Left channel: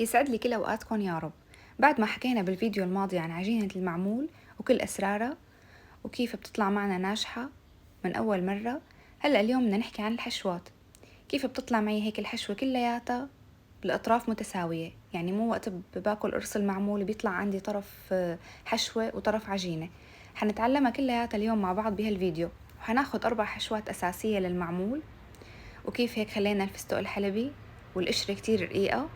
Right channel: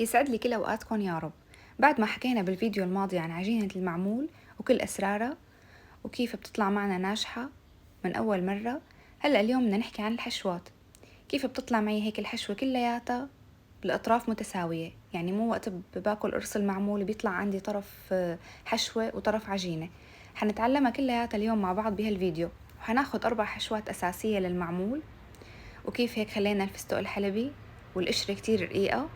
يسعد لي كل أوقاتكم يا رب. بعد ما حكينا بالفيديو الماضي عن عجينة المعمول وكل أسرارها وكيف بتطلع معنا ناجحة من أول مرة، هلأ اليوم بدنا نحكي عن الحشوات. كيف بتطلع معي هيك الحشوة كلياتها بالأطراف متساوية، يعني مو وقت باكل قرص المعمول بيطلع عندي طرف حشوة وطرف عجينة. حنتعلمها كلياتها اليوم مع بعض بهالفيديو، وحناخد 4 حشوات أساسية للمعمول، وكيف هيك خلينا الفستق الحلبي والقشرة كتير رقيقة.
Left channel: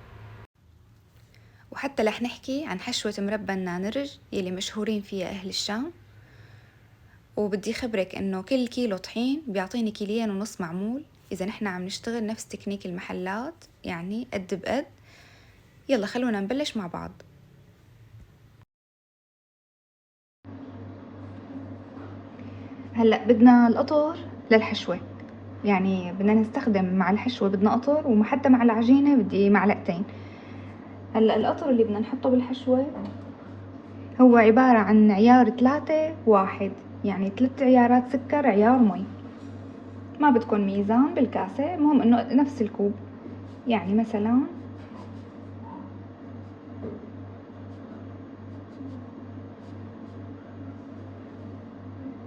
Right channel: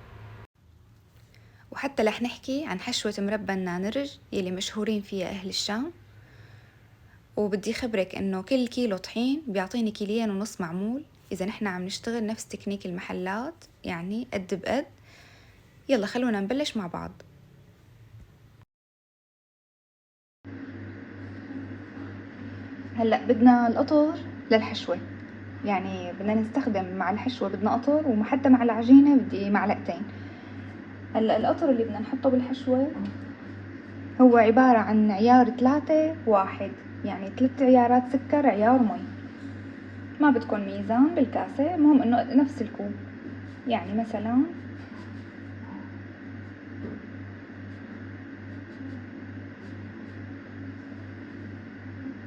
وحتى رح نحكي عن حشوة مربى النانرج يلي مشهورين فيها أهل الشام. وبدي خبرك إنه كل كيلو طحين بيعطيني 2.5 كيلو معمول إذا نحنا عم نشتغل نفس تكنيك المحلات، يعني قد بقد. يلا خلونا نبلش مع بعض. هلأ بدنا القطر للحشوة، يعني بدنا نستخدم مع الحشوة بدنا قطر، وحتى مع العجينة بدي معلقتين. هلأ القطر اللي بدنا نحطه بالحشوة هو عبارة عن عيار 3:1، يعني 3 عيارات سكر عيار مي. ما بدكن ميزان بالكاسة، المهم انه نفس الكوب. يعني مثلا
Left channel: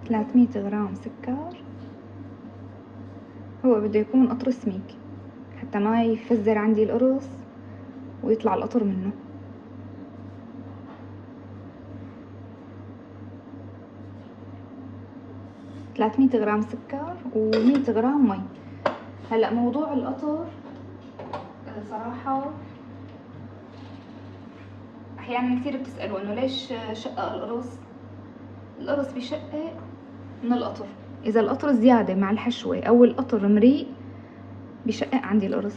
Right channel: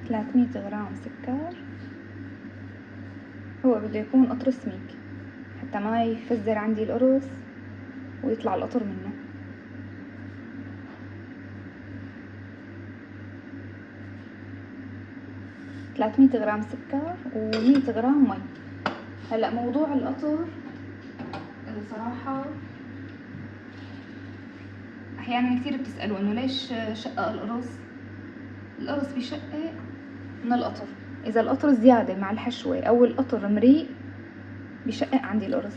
300 غرام سكر. هو بده يكون قطر سميك حتى ما يفزر عندي القرص ويطلع القطر منه. 300 غرام سكر و100 غرام مي. هلأ موضوع القطر صراحة أحيانا كثير بتسألوا إنه ليش شقق القرص. القرص بشقق من القطر، إذا القطر زيادة مع الحشوة أو القطر مريء بشقق عندي القرص.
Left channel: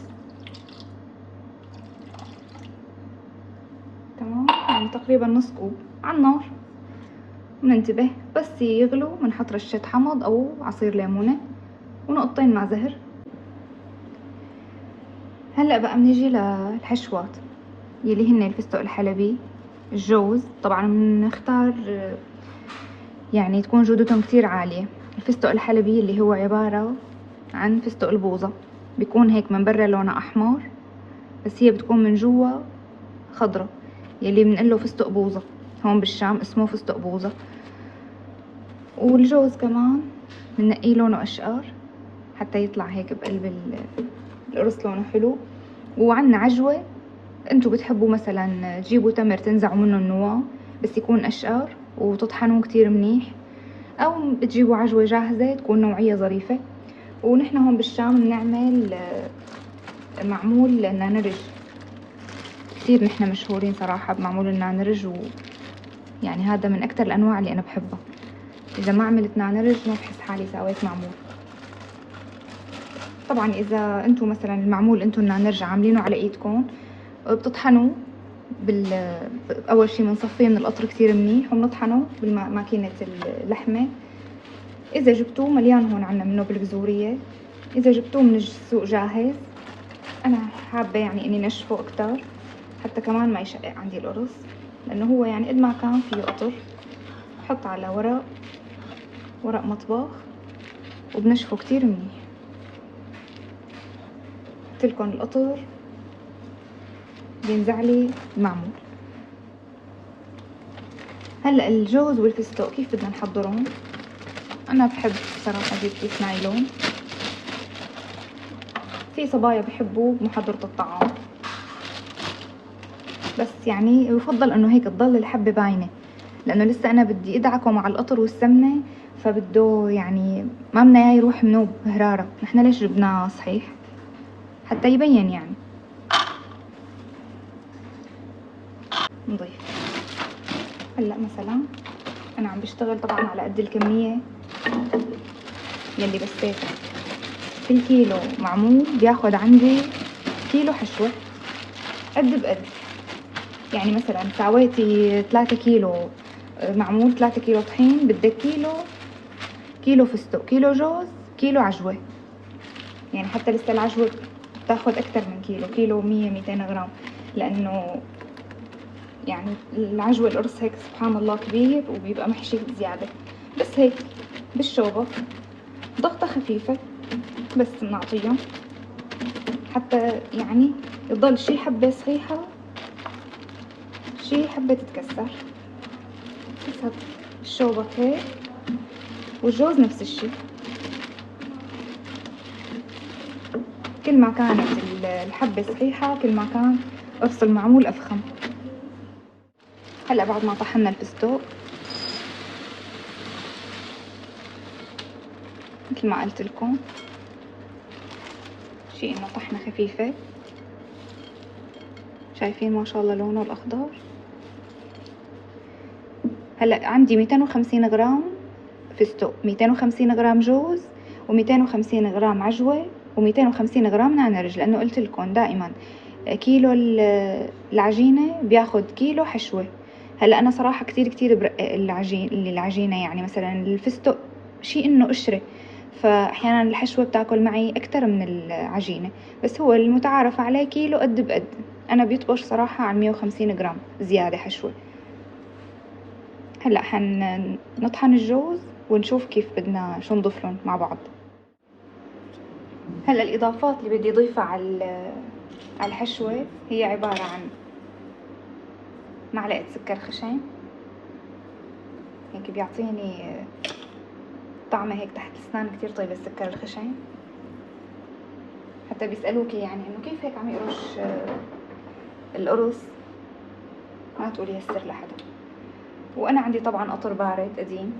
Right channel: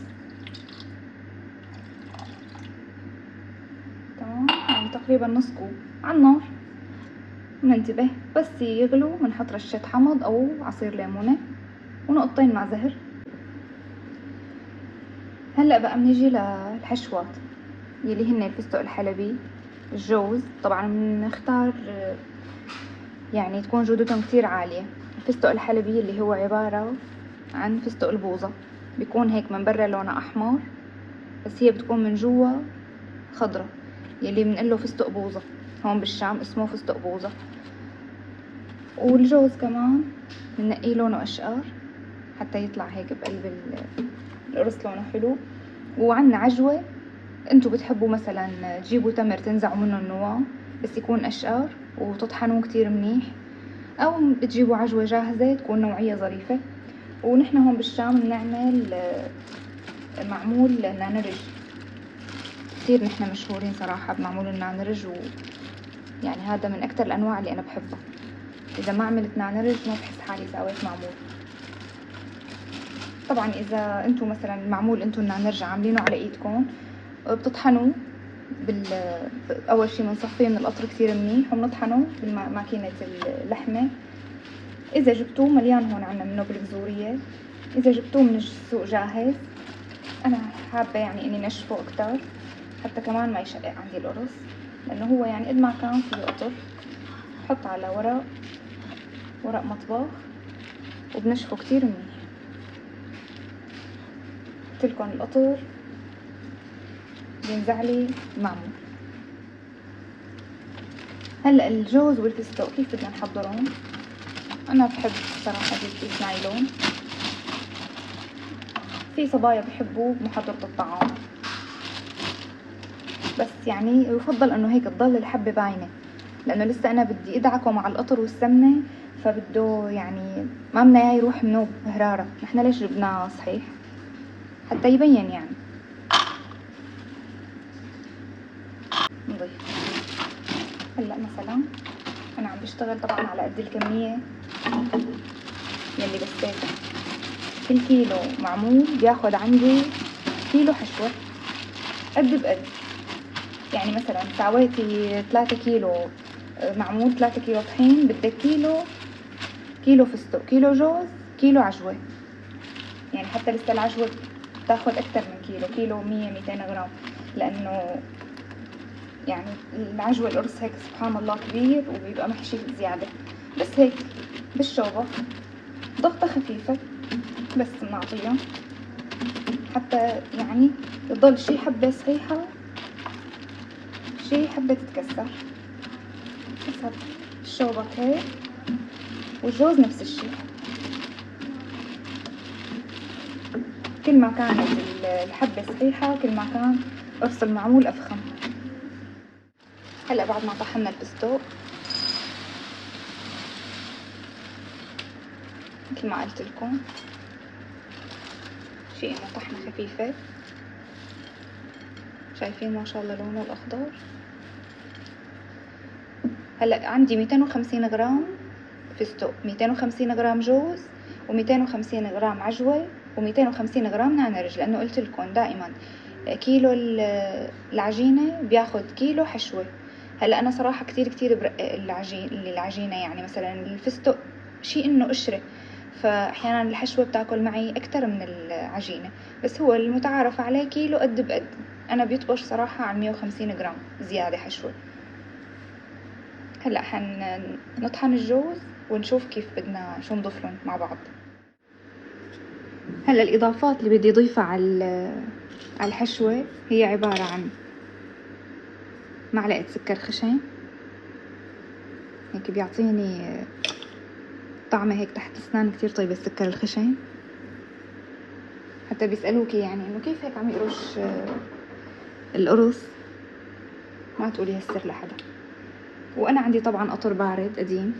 تمام، يعني تقريبا نص كوب على النار. وننتبه بس يغلوا بنحط رشة حمض أو عصير ليمونة ونقطتين مع زهر. هلأ بقى بنيجي للحشوات يلي هن الفستق الحلبي، الجوز. طبعا بنختار يعني تكون جودتهم كتير عالية. الفستق الحلبي اللي هو عبارة عن فستق البوظة، بيكون هيك من برا لونه أحمر بس هي بتكون من جوا خضرة، يلي بنقله فستق بوظة. هون بالشام اسمه فستق بوظة. والجوز كمان بنقيه لونه أشقر حتى يطلع هيك بقلب القرص لونه حلو. وعنا عجوة، انتو بتحبوا مثلا تجيبوا تمر تنزعوا منه النواة بس يكون أشقر وتطحنوه كتير منيح، أو بتجيبوا عجوة جاهزة تكون نوعية ظريفة. ونحن هون بالشام بنعمل معمول نانرج، كتير نحن مشهورين صراحة بمعمول النانرج، يعني هذا من أكتر الأنواع اللي أنا بحبها. إذا ما عملت نانرج ما بحس حالي سويت معمول. طبعا إذا أنتو مثلا المعمول أنتو النانرج عاملينه على إيدكم، بتطحنوا أول شي بنصفيه من القطر كتير منيح وبنطحنه بالماكينة اللحمة. إذا جبتوه مليان هون عنا منه بالجزورية، إذا جبتوه من السوق جاهز أنا حابة يعني إني نشفه أكتر حتى كمان ما يشقق عندي القرص، لأنه هو يعني قد ما كان فيه قطر. بحط على ورق مطبخ وبنشفه كتير منيح. قلتلكن القطر بينزعلي معمول. هلا الجوز والفستق كيف بدنا نحضرهم؟ أنا بحب صراحة أجيب كيس نايلون. في صبايا بحبوا محضرة الطعام، بس يعني يفضل انه هيك تضل الحبة باينة، لانه لسه انا بدي ادعكه مع القطر والسمنة، فبده يعني ما بدنا اياه يروح منوب هرارة. نحن ليش جبناه صحيح؟ حتى يبين يعني. نضيف هلا مثلا انا عم بشتغل طبعا على قد الكمية يلي بسيتها. كل كيلو معمول بياخد عندي كيلو حشوة قد بقد. يعني مثلا ساويتي 3 كيلو معمول، 3 كيلو طحين، بدك كيلو فستق، كيلو جوز، كيلو عجوة. يعني حتى لسه العجوة بتاخد أكتر من كيلو 100-200 غرام، لأنه يعني العجوة القرص هيك سبحان الله كبير وبيبقى محشي زيادة. بس هيك بالشوبة ضغطة خفيفة بس بنعطيها حتى يعني تضل شي حبة صحيحة شي حبة تتكسر حسب الشوبك هيك، والجوز نفس الشي. كل ما كانت الحبة صحيحة كل ما كان قرص المعمول أفخم. هلا بعد ما طحنا الفستق مثل ما قلت لكم شي انه طحنة خفيفة. شايفين ما شاء الله لونه الأخضر. هلا عندي 250 غرام فستق، 250 غرام جوز، و250 غرام عجوة، و250 غرام نعنرج، لأنه قلت لكم دائما كيلو العجينة بياخد كيلو حشوة. هلا أنا صراحة كتير برقق العجينة، يعني مثلا الفستق شي إنه قشرة، فأحيانا الحشوة بتاكل معي أكتر من العجينة، بس هو المتعارف عليه كيلو قد بقد. أنا بيطقش صراحة عن 150 غرام زيادة حشوة. هلا نطحن الجوز ونشوف كيف بدنا شو نضيف لهم مع بعض. هلا الإضافات اللي بدي أضيفها على الحشوة هي عبارة عن معلقة سكر خشن، هيك بيعطيني طعمة هيك تحت الأسنان كتير طيبة السكر الخشن. حتى بيسألوكي يعني إنه كيف هيك عم يقرش القرص، ما تقولي هالسر لحدا. وأنا عندي طبعا قطر بارد قديم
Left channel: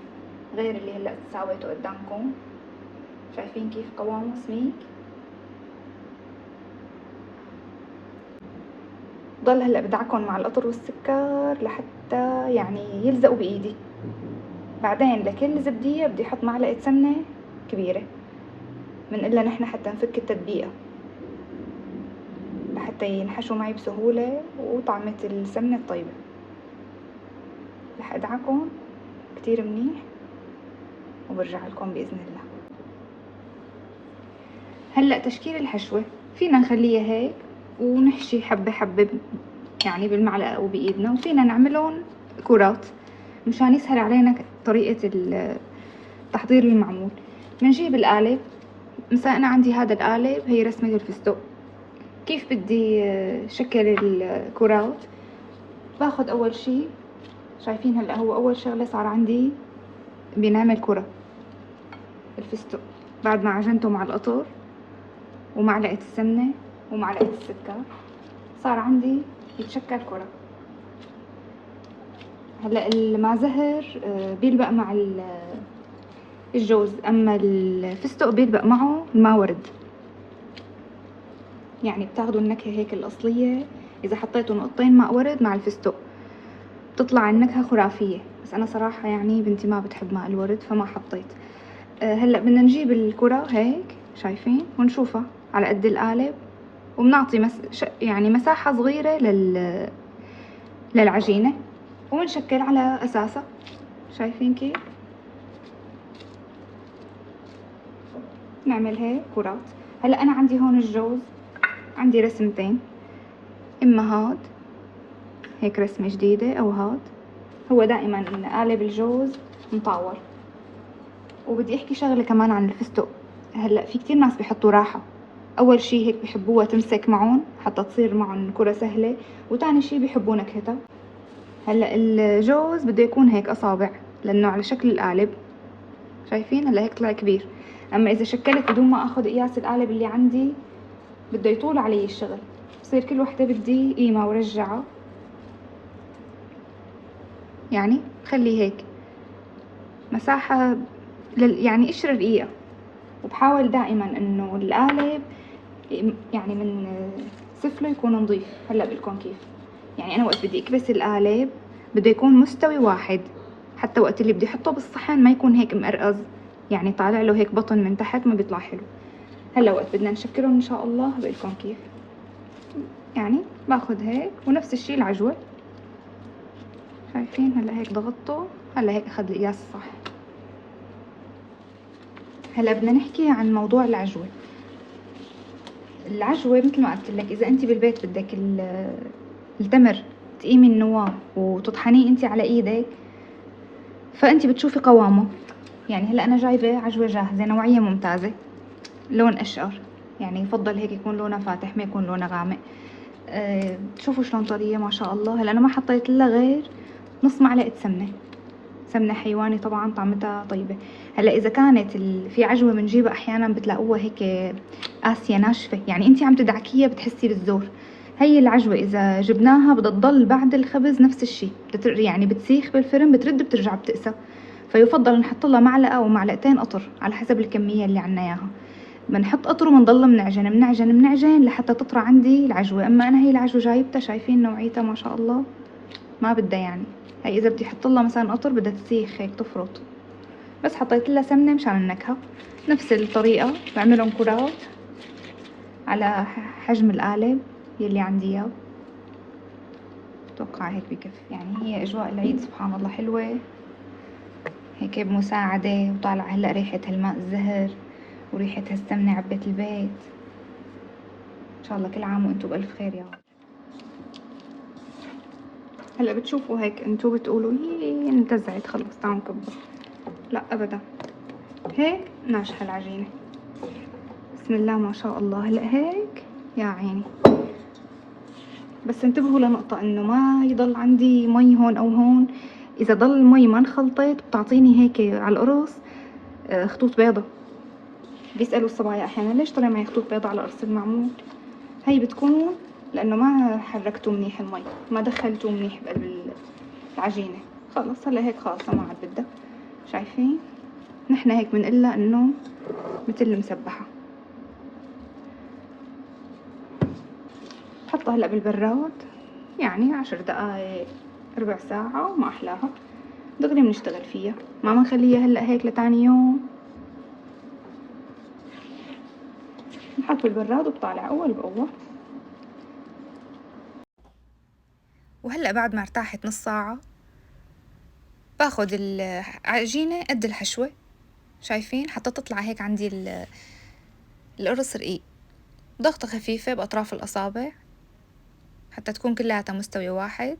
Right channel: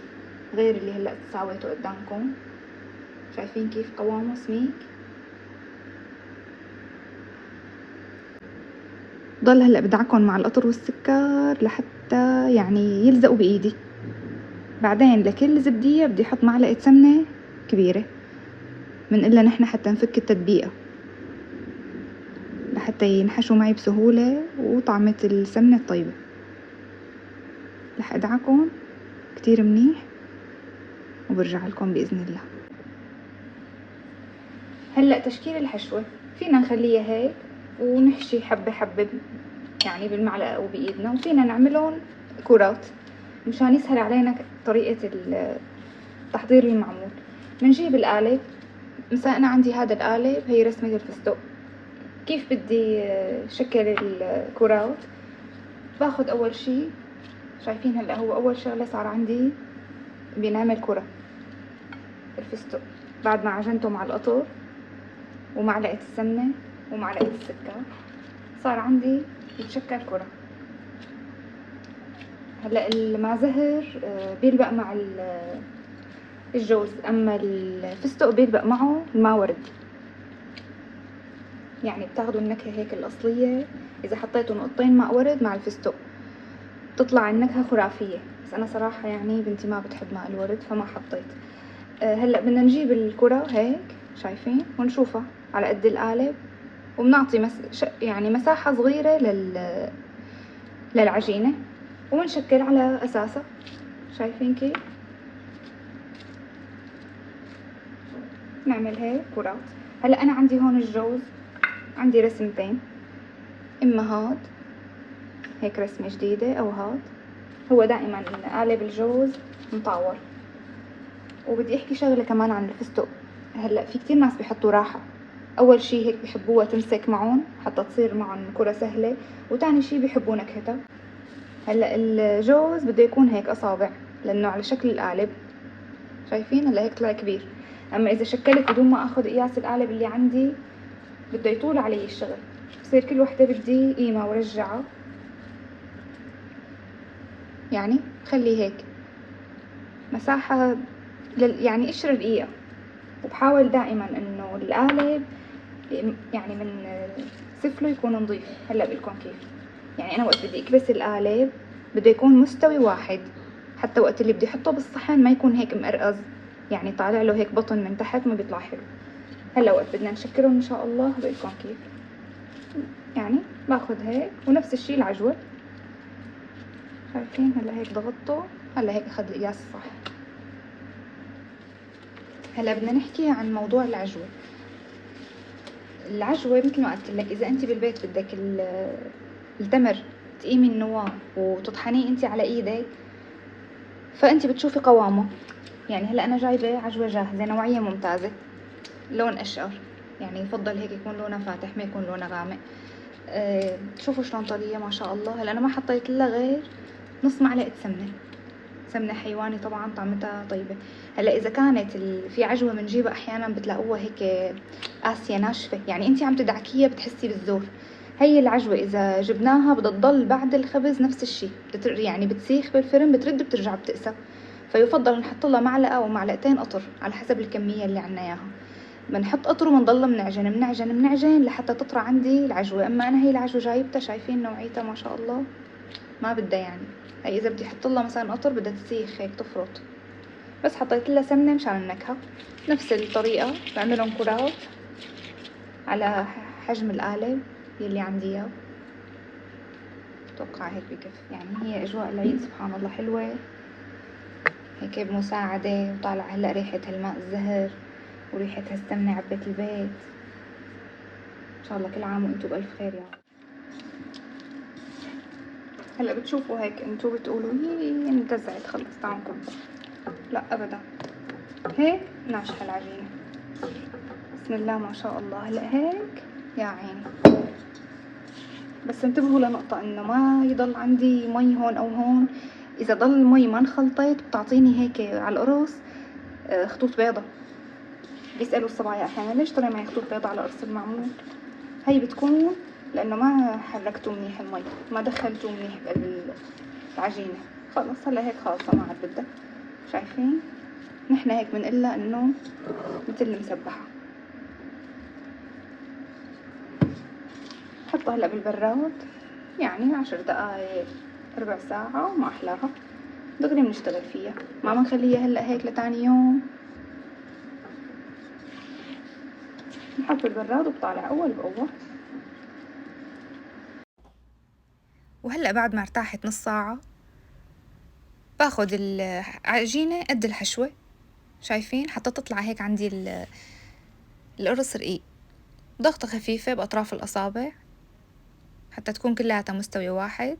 غير اللي هلا ساويته قدامكم. شايفين كيف قوامه سميك. ضل هلا بدعكم مع القطر والسكر لحتى يعني يلزقوا بايدي. بعدين لكل زبدية بدي احط معلقة سمنة كبيرة من إلا نحن حتى نفك التدبيقة لحتى ينحشوا معي بسهولة وطعمة السمنة الطيبة. رح ادعكم كتير منيح وبرجع لكم بإذن الله. هلا تشكيل الحشوة فينا نخليها هيك ونحشي حبة حبة يعني بالمعلقة أو بإيدنا، وفينا نعملهم كرات مشان يسهل علينا طريقة تحضير المعمول. بنجيب القالب. مثلا أنا عندي هذا القالب هي رسمة الفستق. كيف بدي شكل الكرات؟ باخد أول شي، شايفين هلا هو أول شغلة صار عندي بنعمل كرة الفستق بعد ما عجنته مع القطر ومعلقة السمنة ومعلقة السكر، صار عندي يتشكل كرة. هلا المعزهر بيلبق مع الجوز، اما الفستق بيلبق معه الماورد. يعني بتاخدوا النكهة هيك الأصلية إذا حطيتوا نقطتين ماء ورد مع الفستق تطلع النكهة خرافية، بس أنا صراحة يعني بنتي ما بتحب ماء الورد فما حطيت. هلا بدنا نجيب الكرة هيك شايفين ونشوفها على قد القالب، وبنعطي يعني مساحة صغيرة للعجينة ونشكل على أساسها. شايفين كيف؟ نعمل هيك كرات. هلا أنا عندي هون الجوز عندي رسمتين، إما هاد هيك رسمة جديدة أو هاد. هو دائما إن قالب الجوز مطاول. وبدي أحكي شغلة كمان عن الفستق. هلا في كتير ناس بيحطوا راحة. أول شي هيك بيحبوها تمسك معهم حتى تصير معهم كرة سهلة، وتاني شي بيحبوا نكهتها. هلا الجوز بده يكون هيك أصابع لأنه على شكل القالب. شايفين هلا هيك طلع كبير، أما إذا شكلت بدون ما أخذ قياس القالب اللي عندي بده يطول علي الشغل، بصير كل وحدة بدي قيمة ورجعها. يعني خلي هيك مساحة يعني قشر دقيقة. وبحاول دائما انه القالب يعني من سفله يكون نظيف. هلا بقولكم كيف، يعني انا وقت بدي اكبس القالب بده يكون مستوي واحد، حتى وقت اللي بدي احطه بالصحن ما يكون هيك مقرقز، يعني طالع له هيك بطن من تحت ما بيطلع حلو. هلا وقت بدنا نشكلهم ان شاء الله بقولكم كيف. يعني باخذ هيك ونفس الشي العجوة. شايفين هلا هيك ضغطته، هلا هيك اخذ القياس الصح. هلا بدنا نحكي عن موضوع العجوة. العجوة مثل ما قلت لك، اذا انت بالبيت بدك التمر تقيمي النواه وتطحنيه انت على ايدك فانت بتشوفي قوامه. يعني هلا انا جايبه عجوة جاهزة نوعية ممتازة، لون اشقر، يعني يفضل هيك يكون لونه فاتح ما يكون لونه غامق. شوفوا شلون طرية ما شاء الله. هلا انا ما حطيت لها غير نص معلقة سمنة حيواني طبعا طعمتها طيبة. هلا اذا كانت في عجوة بنجيبها احيانا بتلاقوها هيك قاسية ناشفة، يعني انتي عم تدعكيها بتحسي بالزور. هي العجوة اذا جبناها بدها تضل بعد الخبز نفس الشي، يعني بتسيخ بالفرن بترد بترجع بتقسى. فيفضل نحط لها معلقة او معلقتين قطر على حسب الكمية اللي عنا اياها. بنحط قطر وبنضل منعجن لحتى تطرى عندي العجوة. اما انا هي العجوة جايبتها شايفين نوعيتها ما شاء الله ما بدها يعني. هي اذا بدي احط لها مثلا قطر بدها تسيخ هيك تفرط، بس حطيت لها سمنة مشان النكهة. نفس الطريقة بعملهم كرات على حجم القالب يلي عندي اياه. اتوقع هيك بكفي. يعني هي اجواء العيد سبحان الله حلوة هيك بمساعدة، وطالعة هلا ريحة الماء الزهر وريحة هالسمنة عبيت البيت. ان شاء الله كل عام وانتم بألف خير يا رب. هلا بتشوفوا هيك انتم بتقولوا هي انتزعت خلص تعالوا نكبر. لا ابدا، هيك ناجحة العجينة بسم الله ما شاء الله. هلا هيك يا عيني. بس انتبهوا لنقطة انه ما يضل عندي مي هون او هون. اذا ضل المي ما انخلطت بتعطيني هيك على القرص خطوط بيضة. بيسألوا الصبايا احيانا ليش طلع معي خطوط بيضة على قرص المعمول. هي بتكون لانه ما حركتوا منيح المي، ما دخلتوا منيح بالعجينة. خلص هلا هيك خالصة ما عاد بدها. شايفين نحنا هيك بنقلها انه مثل المسبحة. حطها هلا بالبراد يعني 10 دقايق ربع ساعة ما احلاها. دغري بنشتغل فيها، ما بنخليها هلا هيك لتاني يوم. نحط بالبراد وبطالع اول باول. وهلا بعد ما ارتاحت نص ساعة باخد العجينة قد الحشوة. شايفين حتى تطلع هيك عندي القرص رقيق. ضغطة خفيفة بأطراف الأصابع حتى تكون كلها مستوية واحد،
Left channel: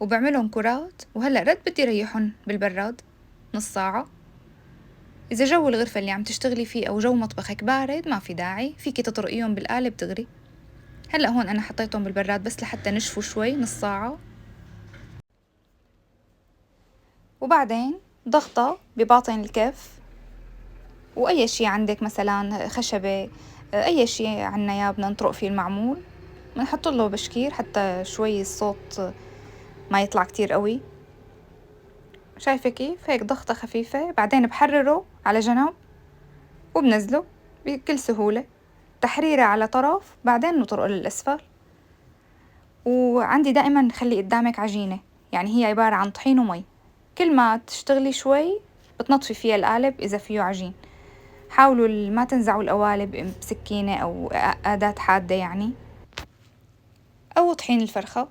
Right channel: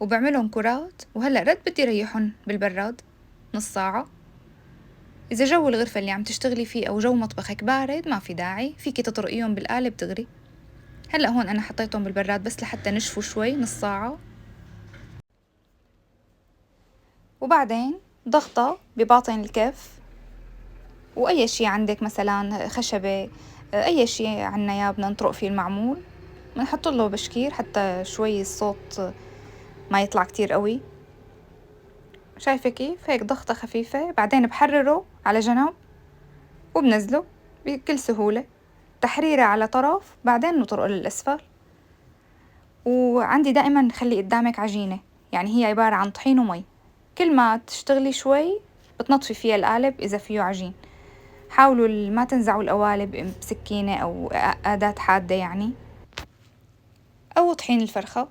وبعملهم كرات. وهلأ رد بدي ريحهم بالبراد نص ساعة. إذا جو الغرفة اللي عم تشتغلي فيه أو جو مطبخك بارد ما في داعي، فيكي تطرقيهم بالقالب تغري. هلأ هون أنا حطيتهم بالبراد بس لحتى نشفوا شوي نص ساعة. وبعدين ضغطة بباطن الكف، وأي شي عندك مثلا خشبة أي شي عنا يا بدنا نطرق فيه المعمول بنحط له بشكير حتى شوي الصوت ما يطلع كتير قوي. شايفة كيف هيك ضغطة خفيفة. بعدين بحرره على جنب وبنزله بكل سهولة. تحريرة على طرف بعدين نطرقه للأسفل. وعندي دائما خلي قدامك عجينة، يعني هي عبارة عن طحين ومي. كل ما تشتغلي شوي بتنطفي فيها القالب إذا فيه عجين. حاولوا ما تنزعوا القوالب بسكينة أو أداة حادة يعني، أو طحين الفرخة.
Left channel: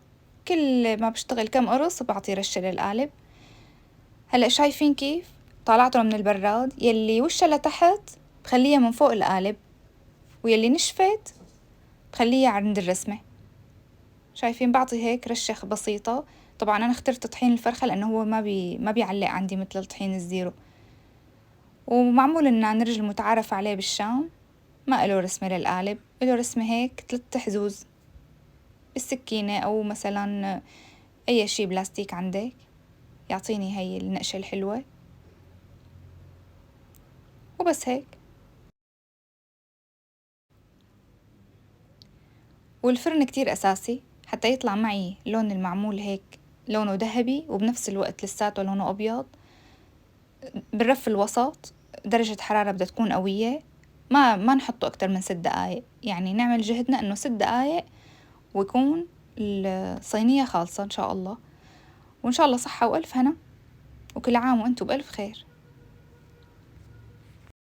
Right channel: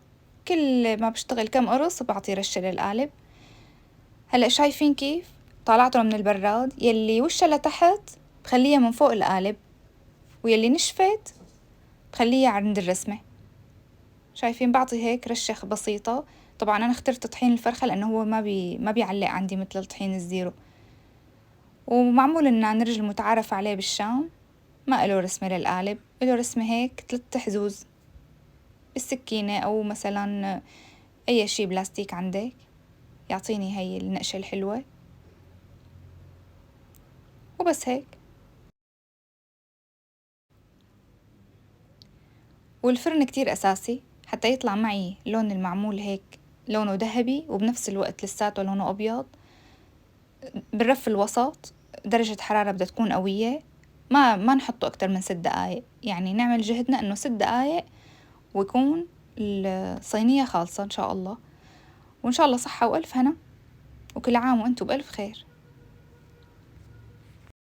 كل ما بشتغل كم قرص بعطي رشة للقالب. هلأ شايفين كيف طلعته من البراد؟ يلي وشها لتحت بخليها من فوق القالب، ويلي نشفت بخليها عند الرسمة. شايفين بعطي هيك رشة بسيطة. طبعا أنا اخترت طحين الفرخة لأنه هو ما بيعلق عندي مثل الطحين الزيرو، ومعمول إنه نرجل متعارف عليه بالشام. ما إله رسمة للقالب، إله رسمة هيك 3 حزوز بالسكينة أو مثلا أي شي بلاستيك عندك يعطيني هاي النقشة الحلوة. وبس هيك. والفرن كتير أساسي حتى يطلع معي لون المعمول هيك لونه ذهبي وبنفس الوقت لساته لونه أبيض. بالرف الوسط درجة حرارة بدها تكون قوية. ما نحطه أكتر من 6 دقايق، يعني نعمل جهدنا إنه 6 دقايق ويكون الصينية خالصة إن شاء الله. وإن شاء الله صحة وألف هنا، وكل عام وأنتم بألف خير.